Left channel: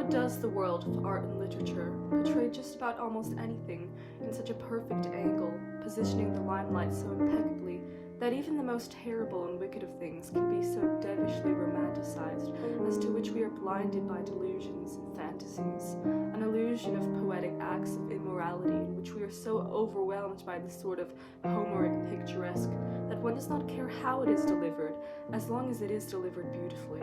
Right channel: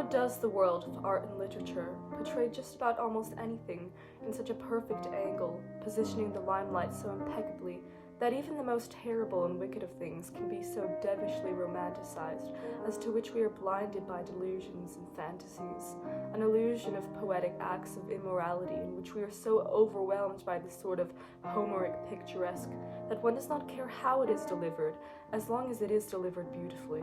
How does the world of art and literature portray just about almost anything in such a perfect angle, positioning the limelight so impeccably that even the most terrible and wicked of things can be so devilishly romanticized, as to which we are blinded by delusions and fantasies, an illusion of poetic acts of immorality in which we are so overwhelmed by the sort of Homeric picturesque that one does not care how it is delivered, as long as it is delivered beautifully.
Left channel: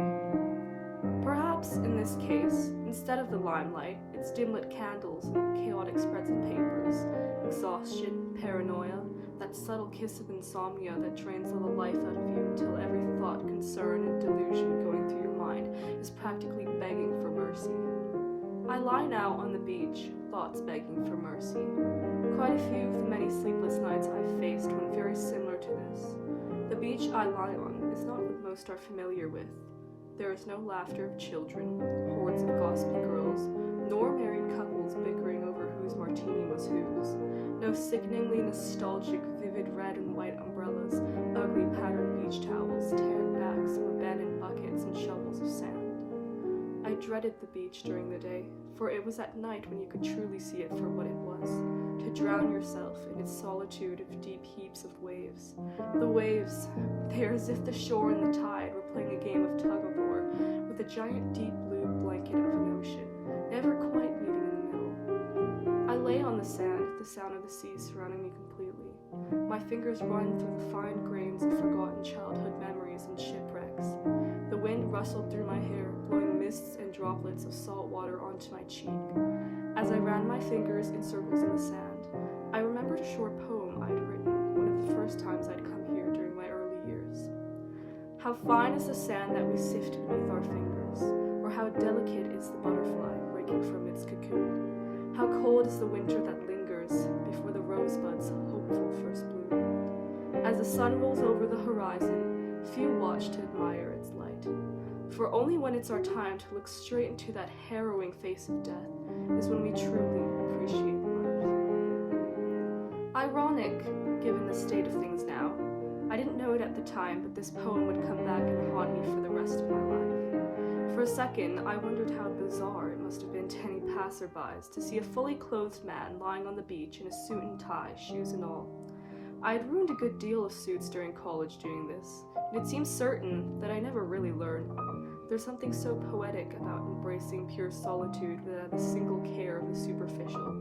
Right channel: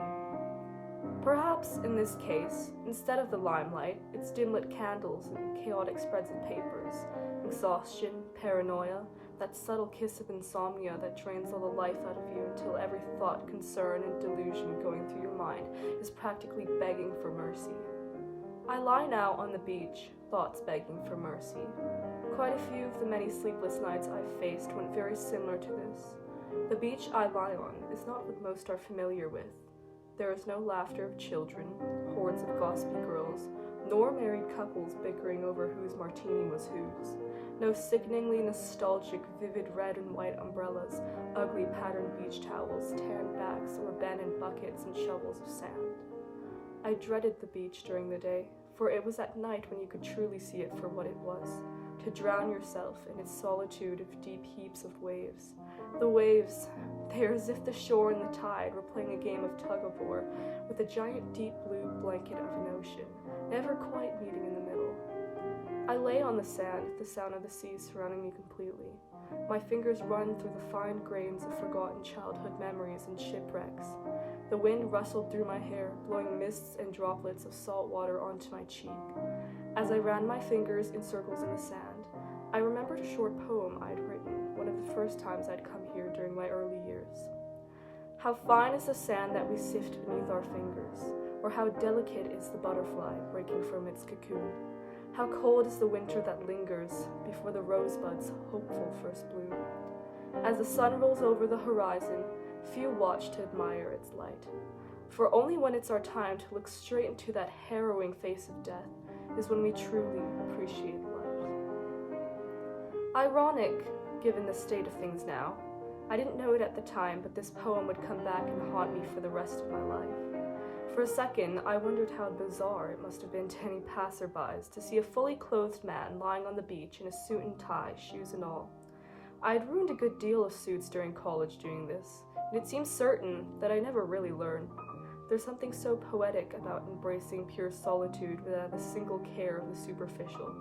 Perhaps, in this case, instead of the limelight, it's dim-lit candles and chaotic spreads of papers, exhaustion, paranoia, that subtle kiss of insomnia that drains all the life out of you until every thought, concern, and delusion going through your mind is practically begging for mercy. I lie now on the beach, thoughts begging for mercy. Quite a few of the many sleepless nights I've faced went very similar to this. The beach I lie on is not what most are familiar with. There is no laughter of children, hordes of gossipy girls, nor married couples bickering over whose martini was whose. No sickeningly nostalgic, vivid red and white umbrellas, ugly patterned beach towels, tan backs, or abandoned buckets and shovels of sand. I dreaded the beach during the day, for it was at night when you could truly see it for what it was, to drown yourself in its solitude of deep heaps of waves. The waves, they are as if the shore and the tide were playing a game of tug-of-war with a giant deep blue blanket of an ocean, never quite meeting in the middle. I lay on the sand, the sound of the sea surrounding me completely. My fingers run through the fine grains of forgotten childhood memories and shipwrecks. The wind rustled through my hair, blowing mists and droplets of salt water onto my cheek. As I ran my fingers in circles in the sand, I remembered a short poem I'd written one of the first times I'd come here during my early years. How fine is the sand that we sift beneath our fingers, or how delicate is the butterfly breaking from its cocoon. How cold is the winter that lingers before the rosebud's hopeful first bloom. As the sun rolls over the horizon, few watch to admire its light. For only when it's our time to look straight into that harrowing face of death is when we truly appreciate life. Ironic, given the state of things now. I didn't know it at the time, but this poem would come back and haunt me for the rest of my life. For a second, I wondered how bizarre it must have been to any passerbys to see a fully clothed man lying on the beach in a suit and tie, shoes and all. I had ruined a good deal of suits during college doing this, and it seems certain that I never really learned. There's something so poetic about embracing pure solitude without a single care of the superficial.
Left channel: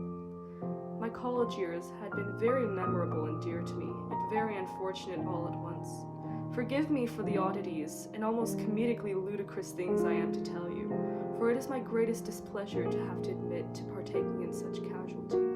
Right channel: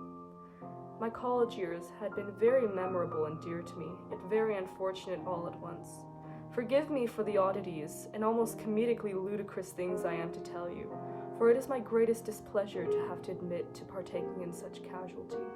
My college years had been very memorable and dear to me, yet very unfortunate all at once. Forgive me for the oddities and almost comedically ludicrous things I am to tell you, for it is my greatest displeasure to have to admit to partaking in such casualties.